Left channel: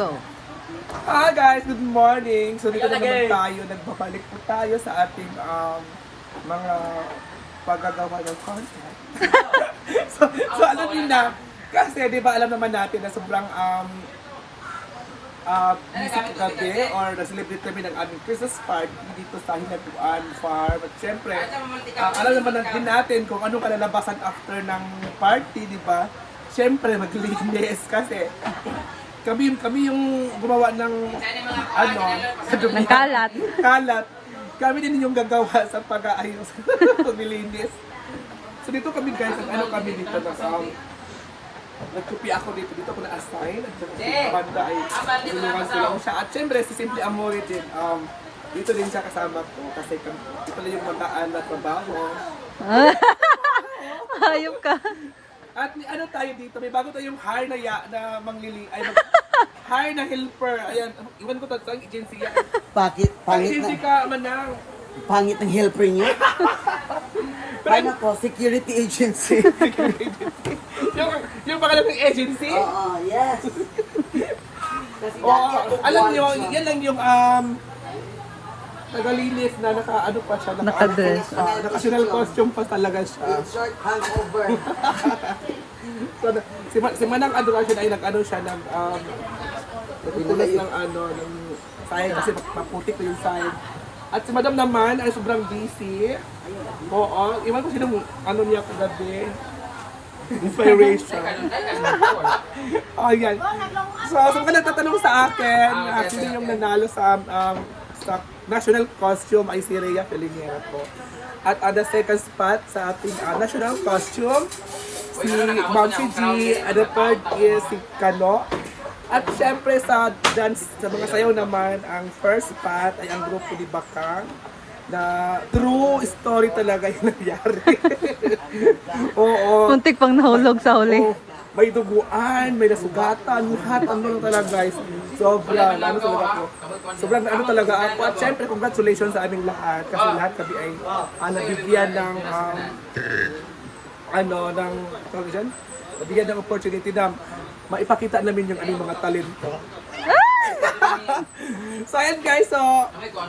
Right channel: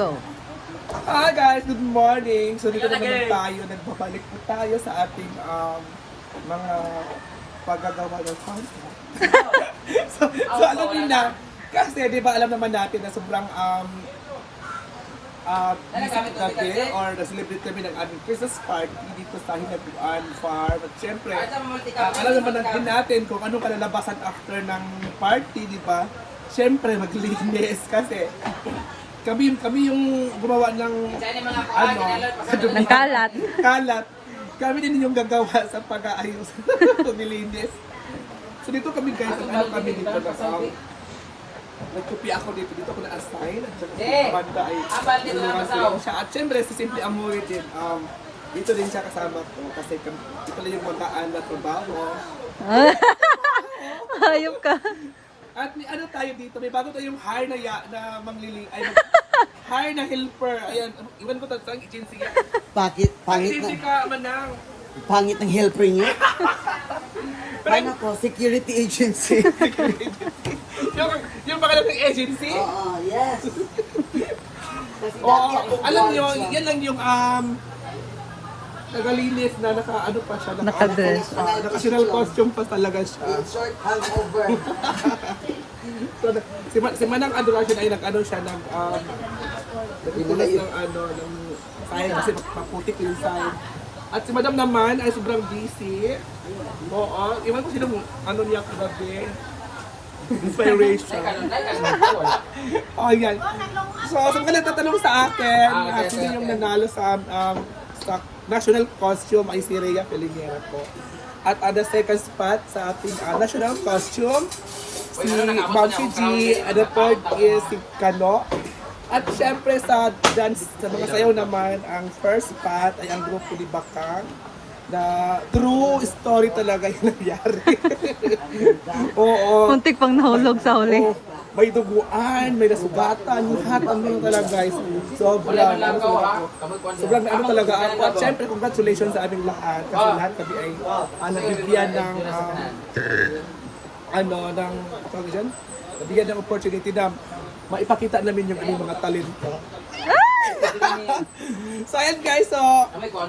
Go. Hi guys, good morning. So dito na naman tayo, nagbabalik po tayo sa ating um, mga paggagawa ng content. so, so alam niyo na, kasi di ba alam naman natin na sobrang um, uh, busy kami or na-celebrate kami ng aming Christmas party dito sa Hinaguan Farm. At syempre, uh, alam naman din natin kung anong kalalabasan after ng party, di ba? Syempre, maglinis kasi kami yung kami yung gumawa ng ano sa. Ng kalat. kalat. Kami din yung gagawa sa pag-aayos, paglilinis. So dito kami guys, ang ano kami dito na um, nagkupi ako dito, dito ko na-assign. At saka si banda ay tulungan ko lang siya. At syempre, si Simply Amore din, um, dito din siya kasama ko kasi ito lang yung magaan at mabaho. Hayop ka. At ni ano tayo dito, may bago tayong hire na ya, na manglili, ay mag, hire na helper. Ayan, iwan ko to sa agency. yan. Pakit, Ang pangit agency na, ka, manang. pangit ng helper niyo. Paano ko? Security agency. yung, yung pangalan ng agency. Oo, yes. Oh, dati ako alam siya. yan lang yung um, nagalinis na naka ano pa siya, naka, Nakadress. naka, naka costume pa talaga siya. In short, hangover. So, si, Ma- si Manang Adoration ay nag-ano siya ng um, nagtutulas ng ano, ng sign kasi maputik ko yung sign. At si Madam naman ay sobrang busy. Oo, iwan ko sino ano niya kagabi. Inspiration. oh, yan. So, so ka nagtatanong sa akin, ah, sino yung nanalo sa um, sa national costume ay si Rhea Pelingera po. At on the second spot sa ating ah, national costume, si Mamsi G, and the third is si Kano. At syempre sa dance, sa mga sayaw naman, ang first spot ay ang grupo ni Bakang na true story talaga yung nangyari. Oo. Muntik pang nahulog sa huli. Oo. may duguan, may nasugatan, lahat ano talaga guys. Sobrang ano talaga ako. Sobrang ano talaga ako. At syempre congratulations sa aming lahat kasi lahat kami ay uh, nabibigyan ng um, ano ng tawag dyan? Nabigyan ng opportunity na maipakita namin yung aming mga talento. so ayan guys, so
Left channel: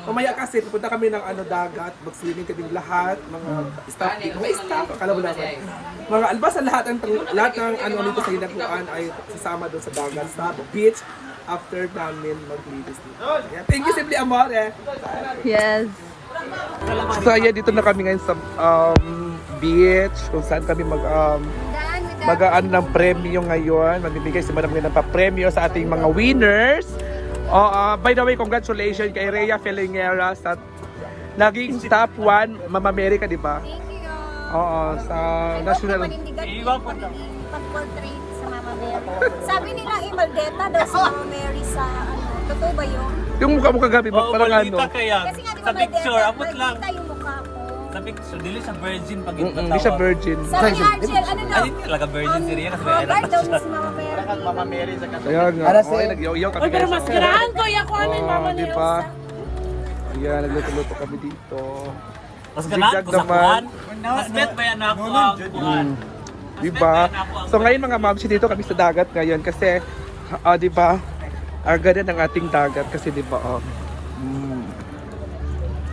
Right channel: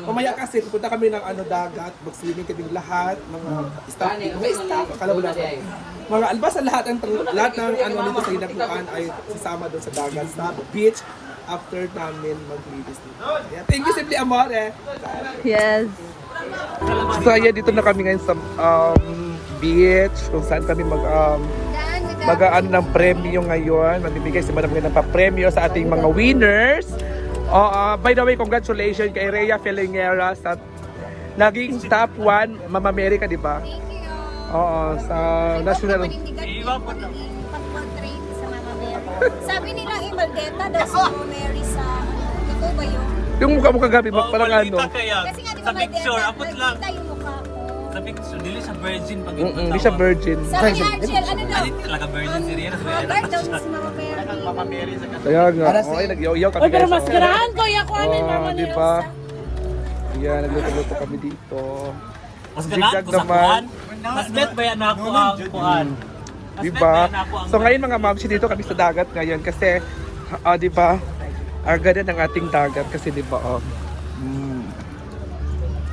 mamaya kasi pupunta kami ng ano dagat, mag-swimming kaming lahat, mga staff, mga staff, akala mo lang. Mga albasa lahat ng lahat ng ano dito sa hinaguan ay sasama doon sa dagat, sa beach after namin maglinis dito. Yeah, thank you Simply Amore. Bye. Yes. So ayan, dito na kami ngayon sa um, beach kung saan kami mag um, mag-ano ng premyo ngayon. Magbibigay si Madam ng pa-premyo sa ating mga winners. Oh, by the way, congratulations kay Rhea Felingera sa naging top 1 Mama America, di ba? Thank you. Oo, sa national. Pag-portrait sa Mama Mary. Sabi nila, eh, Maldeta daw si Mama Mary sa ano. Totoo ba yun? Yung mukha mo kagabi, parang ano. Kasi nga di ba sa picture, Maldeta, apot lang. nakita yung mukha ko. Sa picture, dili siya virgin pag Mm hindi siya virgin. Sabi ni Argel, ano daw? Hindi talaga virgin si Rian. Hogard daw niya si Mama Mary. Kaya nga, okay, nag-iyaw kami guys. Mas girahan ko, ako ano yung mama di ba? Ayan, nagluto-luto kami dito. Mas Zigzag ganaan ko sa naman. kuhan. Mas bet ba yan ako ang kuhan? Di ba? So ngayon mga mamsi dito kami sa dagat ngayon kasi ah, di ba? Ang ganda ng ating dagat kasi di ba oh.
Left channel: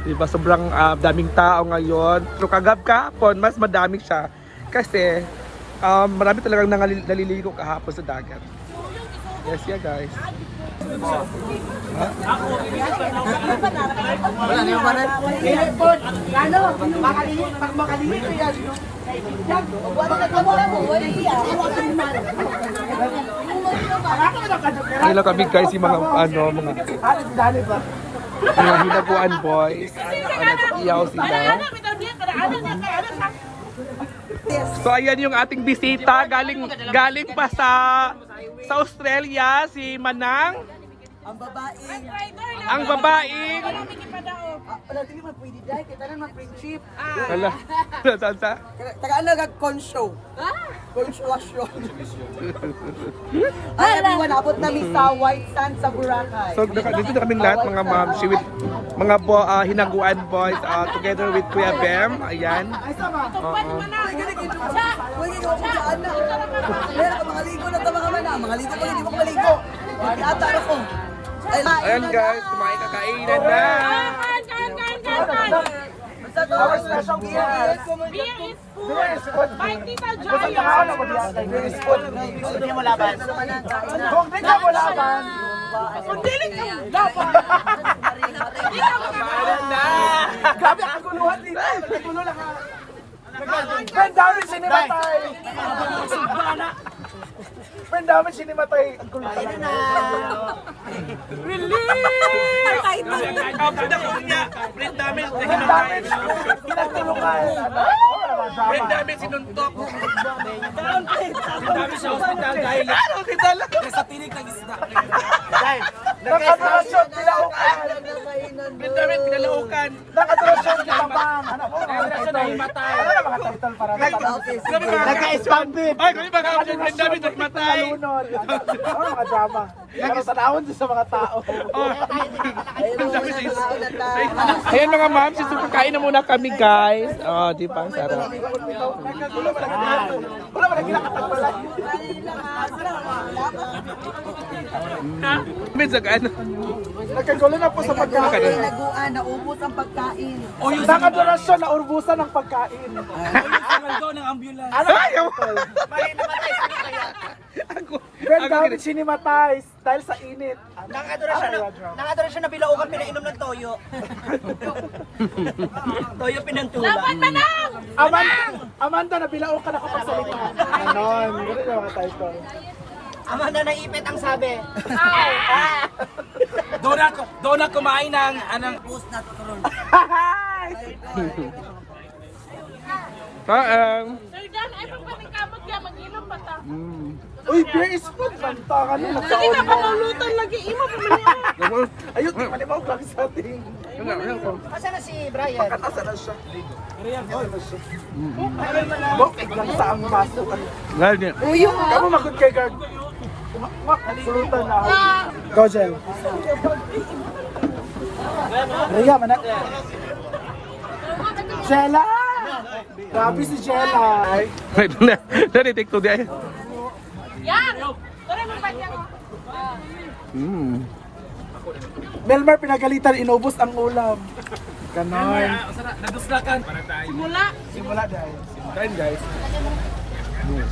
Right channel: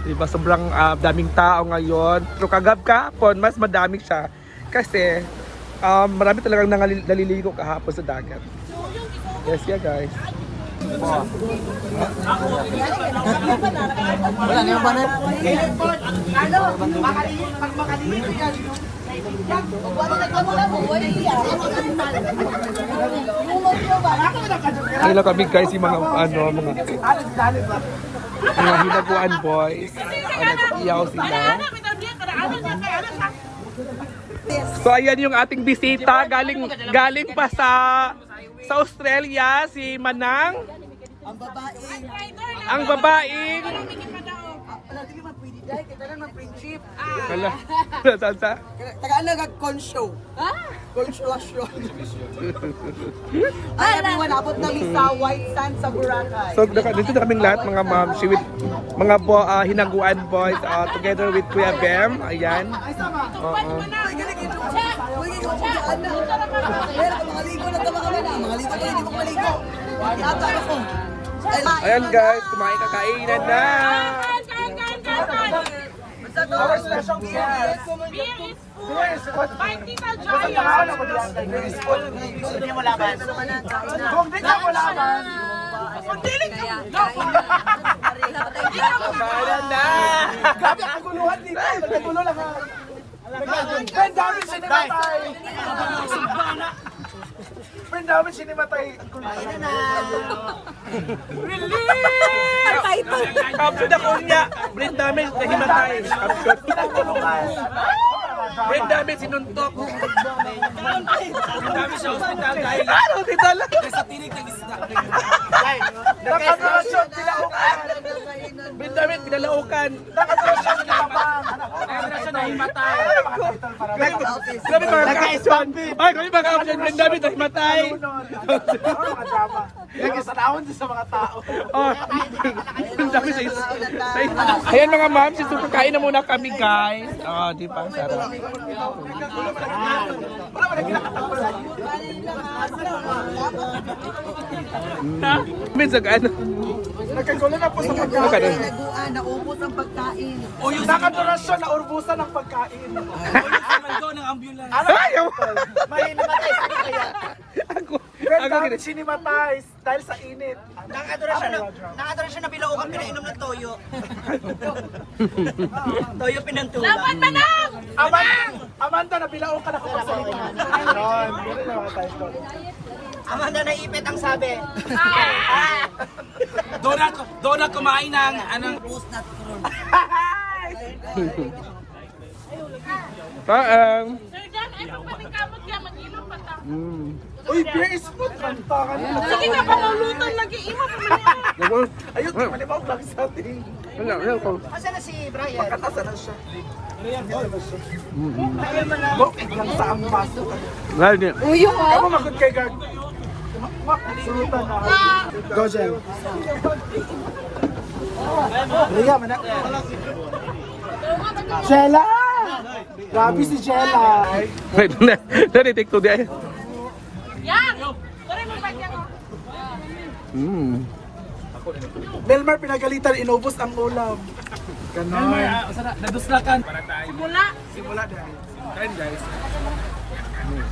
Mm. Di ba sobrang ah, daming tao ngayon. Pero kagab kahapon mas madami siya kasi um, marami talagang naliligo kahapon sa dagat. Yes, yeah guys. Lang kami guys yung mga ano mga mga hinaguan boys. Ah, nag-iyaw sila. So ayan yung ating bisita galing galing pa sa sa Australia si Manang Ang babaeng, ang babaeng wala din man pwede dahil, kita na man friendship. Hala. Tata. Taga ano ka, conshow. Ha? Consuation. Ay, everyone, abot namin sa White Sand sa Boracay. So naka, dito na kaming lahat mga ma'am, si with mga bo, ah, hinaguan boys ah, together with Kuya Bem. Ayan. Oo. Uy, ikaw po dyan na. Meron ka mga ligo na ka na. Mga ligo ka, hindi mo maligo. Ayan guys, kumain kakainan na. Our special guest. Labanan na! Grabe ang kaguluhan dito. Nagkagulo lang. Ben, dami sinimatay. Ben, dami sinimatay. Kapit ako niya. Ben, dami sinimatay. Ben, dami sinuntok. Ben, dami sa hospital dahil... Ano? Sa tinig ng isda. Nakatrasyon, pinalaukan. Ben, dami pinalaukan. Nakatrasyon, pinalaukan. Nakatrasyon, nahimatay. Naka-stampid. Ay, kami baka ako dyan, dami nahimatay. Nagkasalawan sa mga tao. Oh. Ayan mga ma'am, since kakain na muna kami guys. Oh, di ba? Ang sarap. Minsan ano? Nagkagulo na po sa pagkain. Naguan, naubos ang pagkain. O yung baka donasyon na urbusan ng pagkain. Ayaw! May namatay sa kaya. Ako, ako gina- sinimatay dahil sa init. Nakadura siya na, nakadura siya na bilaukan pinainom ng toyo. toyo pinantulan. Amanda, Amanda nabilao ka na sa salita. Ayan, yun yung mga typo. Amanda naipit ang sabi. Doon ako, doon ako kumain ng anong... Paang. Mm. Uy, Grace, food kanta ka sa Hindi ka pa maulutan lagi. Imo pa man. Ayun, malimaw lang sa ating. Wala, wala ko. Asa na si Brian? Katasa na siya. Riyan, ito na siya. Bukid lang sa ang baso. Wala niya. Kamu magod kay Gag. Mak, sulutan na ako. Gojel. Riya, manak. Jella! Grabe si Jella. Wait, na, take to di ay. Mm. Melmar pinagalitan, inubos ang ulam. Ganon. Naduslakan. Simula dahil. Kain guys.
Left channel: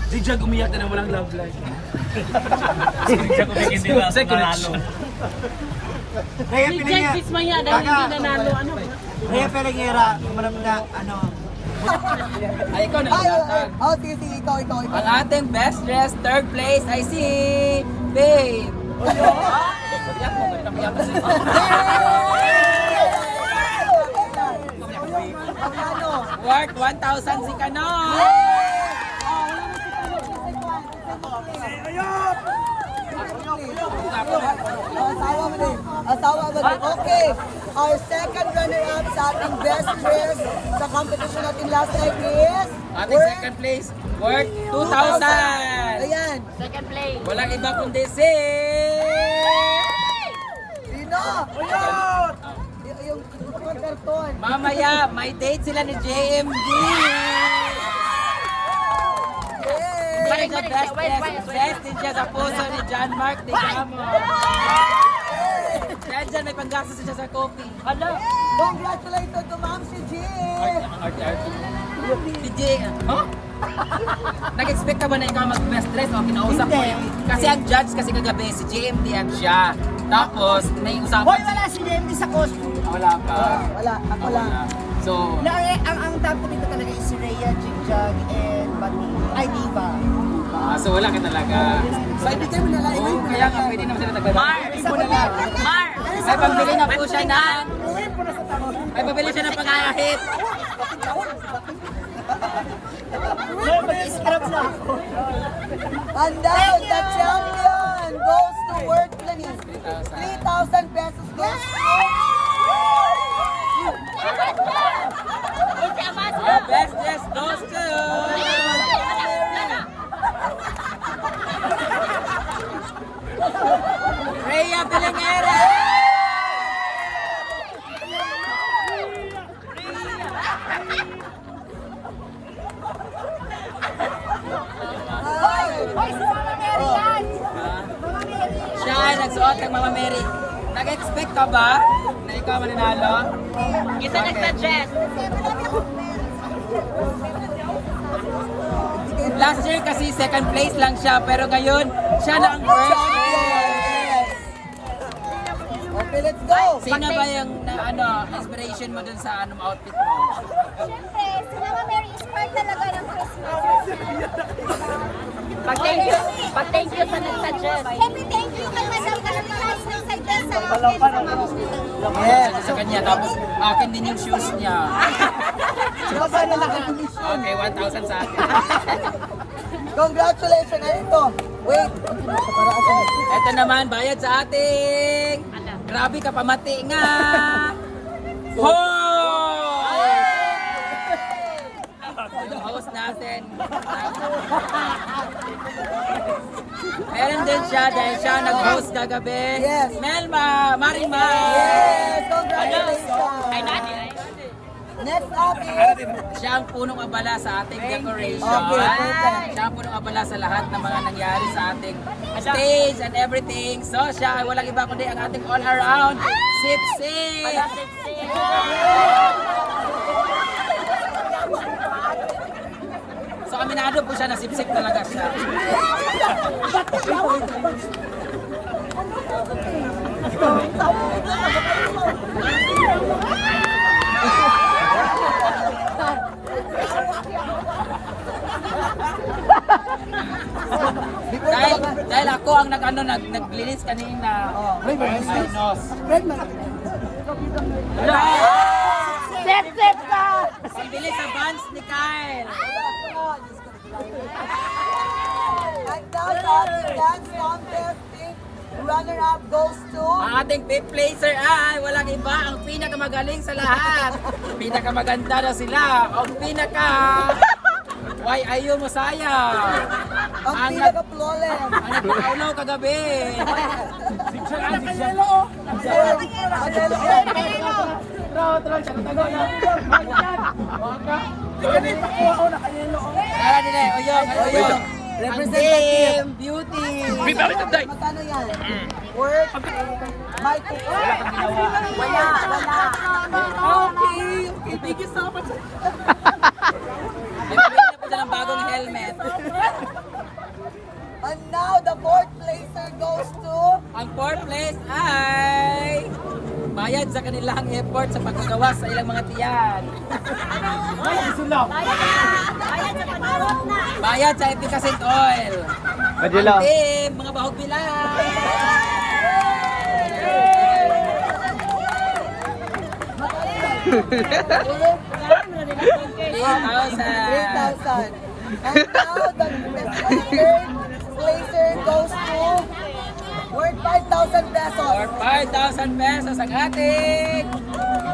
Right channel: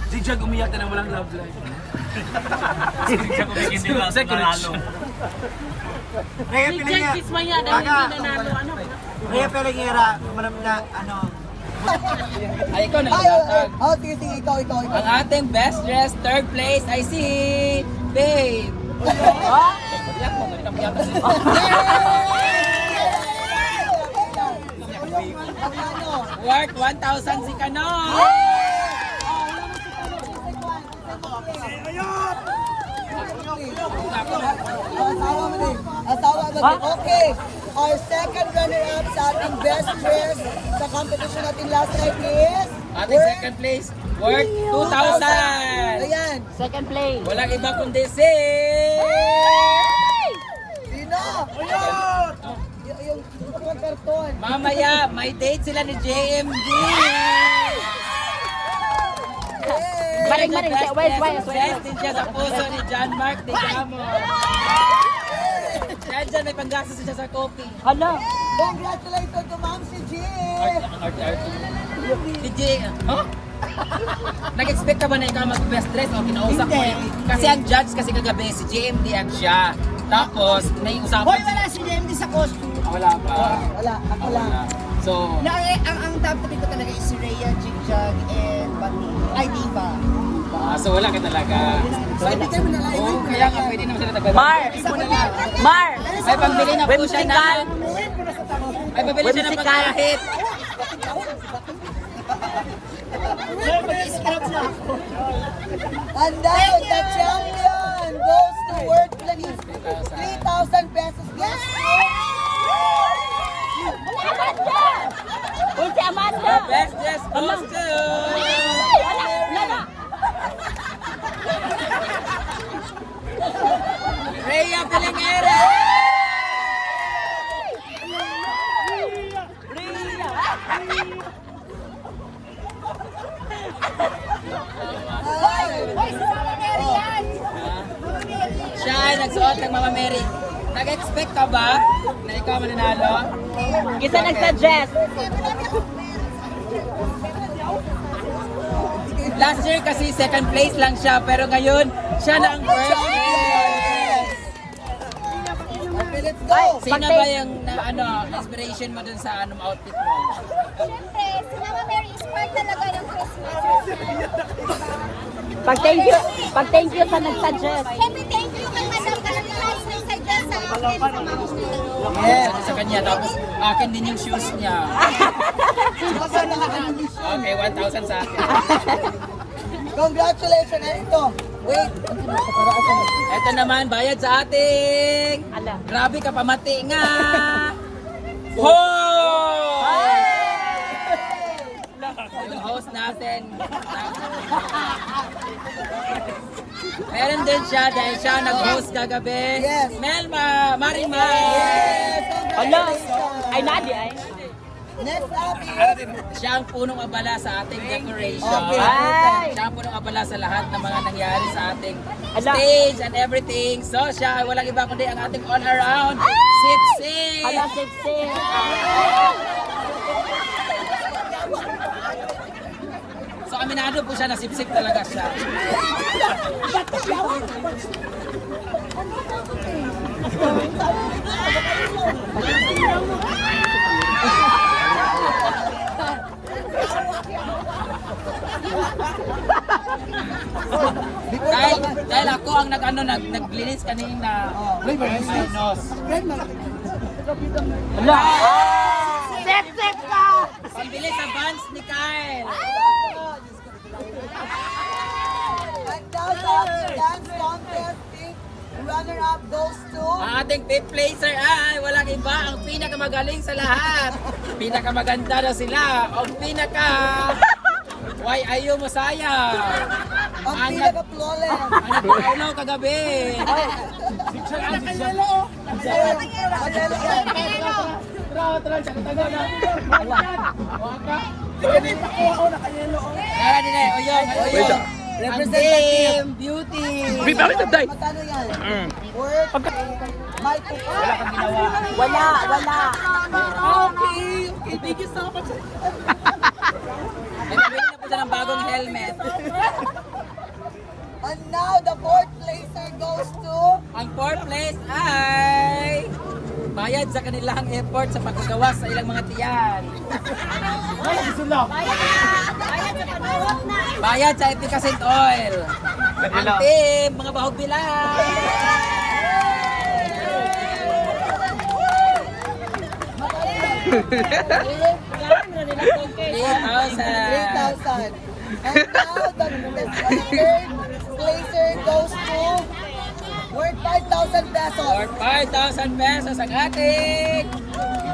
Si Jag umiyak na ng walang love life. Si Jag umiyak hindi na sa nanalo. Kaya pinagya. Maya daw hindi nanalo ano. Kaya pinagya, manam na, ano. Ay, ikaw na. Oh, sige, sige, ikaw, ikaw, ikaw. Ang ating best dressed third place ay si Babe. Iyak mo, ganito mo yata siya. Magkano? Worth 1,000 si Kanon. Asawa mo din. Asawa mo din. Okay. Our second runner-up sa ating best dress sa competition natin last night is... Ating second place, worth 2,000. Ayan. Second play. Walang iba kundi si... Sino? Yung yung karton. Mamaya, may date sila ni JMD. Ay, the best dress, best din siya sa puso ni John Mark de Gamo. Dahil dyan, may panggastos siya sa coffee. Hala. Congratulations to Ma'am si Jean! Si Jay, huh? Nag-expect ka ba na ikaw mag-best dress o kinausap mo yun? Kasi ang judge kasi kagabi, si JMD at siya. Tapos, may usapan si... si JMD sa costume. Wala pa. Wala, ako lang. So, Na, eh, ang, ang top ko dito talaga is si Rhea, Jigjag, and Bati. Ay, Diva. Ah, so wala ka talaga. So, mo na lang. Oo, kaya nga pwede naman sila tagbaba. Mar! Mar! May pambili na po siya na... May pambili siya ng pagkahit. And then, the champion goes to World Planning. 3,000 pesos goes best dress goes to... Rhea Pilingera! To... Siya Mary, nag-expect ka ba na ikaw mananalo? Isa nag-suggest. Last year kasi second place lang siya, pero ngayon, siya na ang first place. Okay, let's go. Sino ba yung na, ano, inspiration mo dun sa anong outfit mo? Siyempre, si Mama Mary is part talaga ng Christmas. Pag thank you, pag thank you sa nag-suggest. Siyempre, thank you kay Madam Carolinas ng suggest sa akin sa Mama Mary. Yes. Sa kanya, tapos akin din yung shoes niya. Okay, 1,000 sa akin. Congratulations na ito. Wait, ang kinakaparaasan. Ito naman, bayad sa ating. Grabe ka, pamati nga. Hoy! Yung host natin. Meron din siya dahil siya nag-host kagabi. Yes. Melma, Marima. Yes, congratulations. Ay, Nadi, ay. Next up is Siya ang punong abala sa ating decoration. Okay, okay. Siya ang punong abala sa lahat ng mga nangyari sa ating stage and everything. So siya, walang iba kundi ang ating all around sip sip. So aminado po siya na sip-sip talaga siya. Dahil, dahil ako ang nag, ano, nag, naglinis kanina. Oh, Ray, Ay, Ray, nos. Ray, Ray. Sip-sip ka! Pambili sa buns ni Kyle. And sa ating dance contest, runner-up goes to... Ang ating fifth placer ay walang iba ang pinakamagaling sa lahat. Pinakamaganda na sila. Ang pinaka... Why ayaw mo saya? Ang Ang pinaka-flawless. Ang nagpakaulaw kagabi. Kaya din eh, oyong, oyong. Representative Beauty. Matano yan? Work. Mic. Wala kang ginawa. Wala, wala. Okay, okay. Thank you so much. Nagbili na po siya ng bagong helmet. And now the fourth placer goes to... Ang fourth place ay bayad sa kanilang effort sa pagpagawa sa ilang mga tiyan. Bayad sa panahon na. Bayad sa efficacent oil. Ang team, mga bahog nila. 3,000. 3,000. And now the, the third placer goes to worth 5,000 pesos. For 5,000 pesos ang ating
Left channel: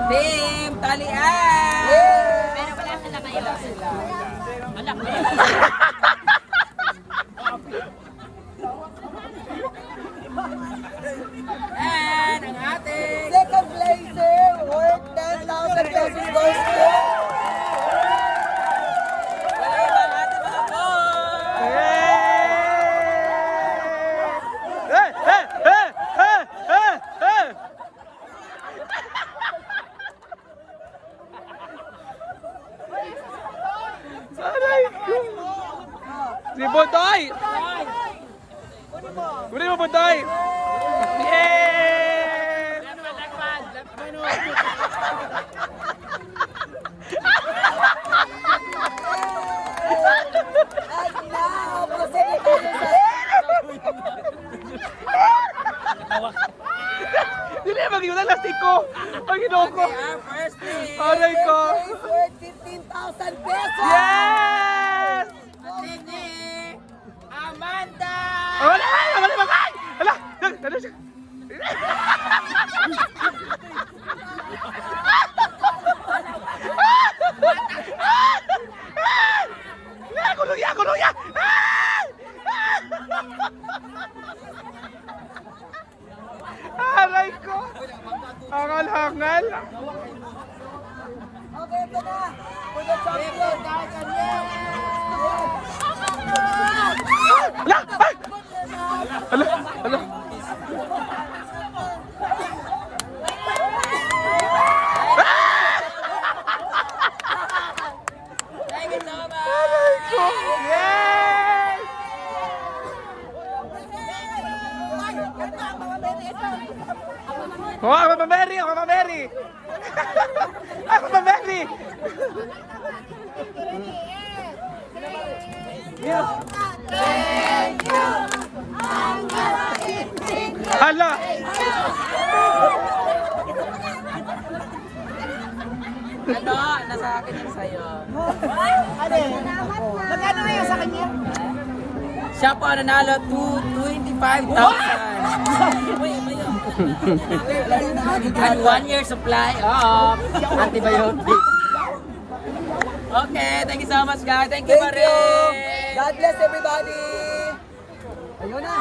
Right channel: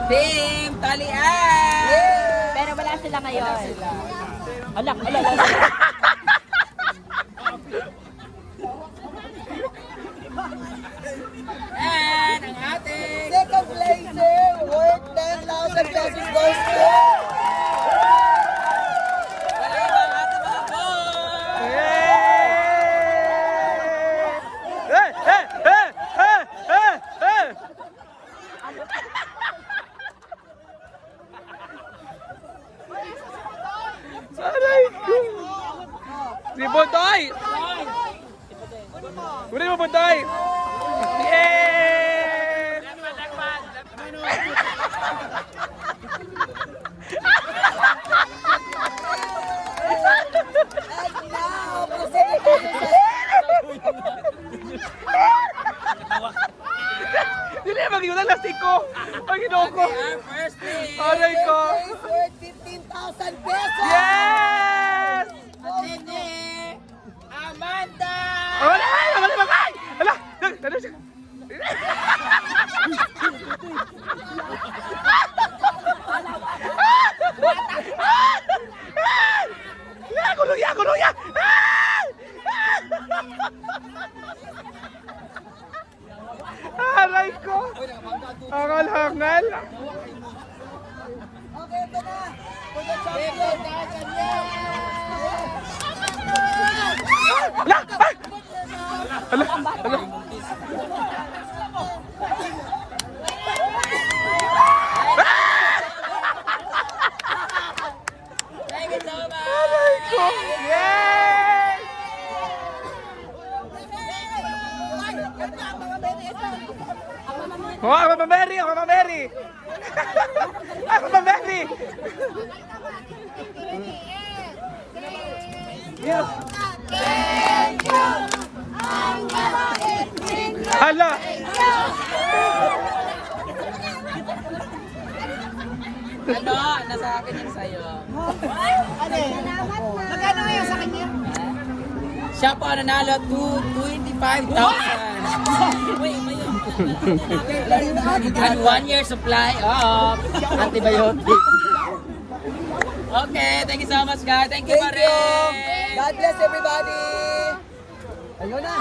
team talian. Pero wala sila ngayon. Wala sila. Alak, wala. And ang ating Second placer worth 10,000 pesos goes to... Hello, ang ating mga boys. Hey, hey, hey, hey, hey, hey. Aray ko. Si Bodoy. Uli mo Bodoy. Yeah! And now, proceed tayo sa... Dili mag-iulan lastik ko. Ang ginoo ko. Our first team. Aray ko. First place worth 15,000 pesos. Yes! Nini Amanda. Wala! Wala! Wala! Wala! Wala! Ano siya? Ah! Kulong ya! Kulong ya! Ah! Aray ko! Hangal-hangal! Okay, ito na. For the champion. Ala! Ala! Ala! Oh, ako pa Mary, ako pa Mary. ako pa Mary. Yeah. Hala. Ano? Nasa akin yung sa'yo. Magkano na yung sa kanya? Siya po nanalo to 25,000. And one year supply of antibiotic. Okay, thank you so much guys. Thank you, Thank you. Marie. God bless everybody. Ayun na.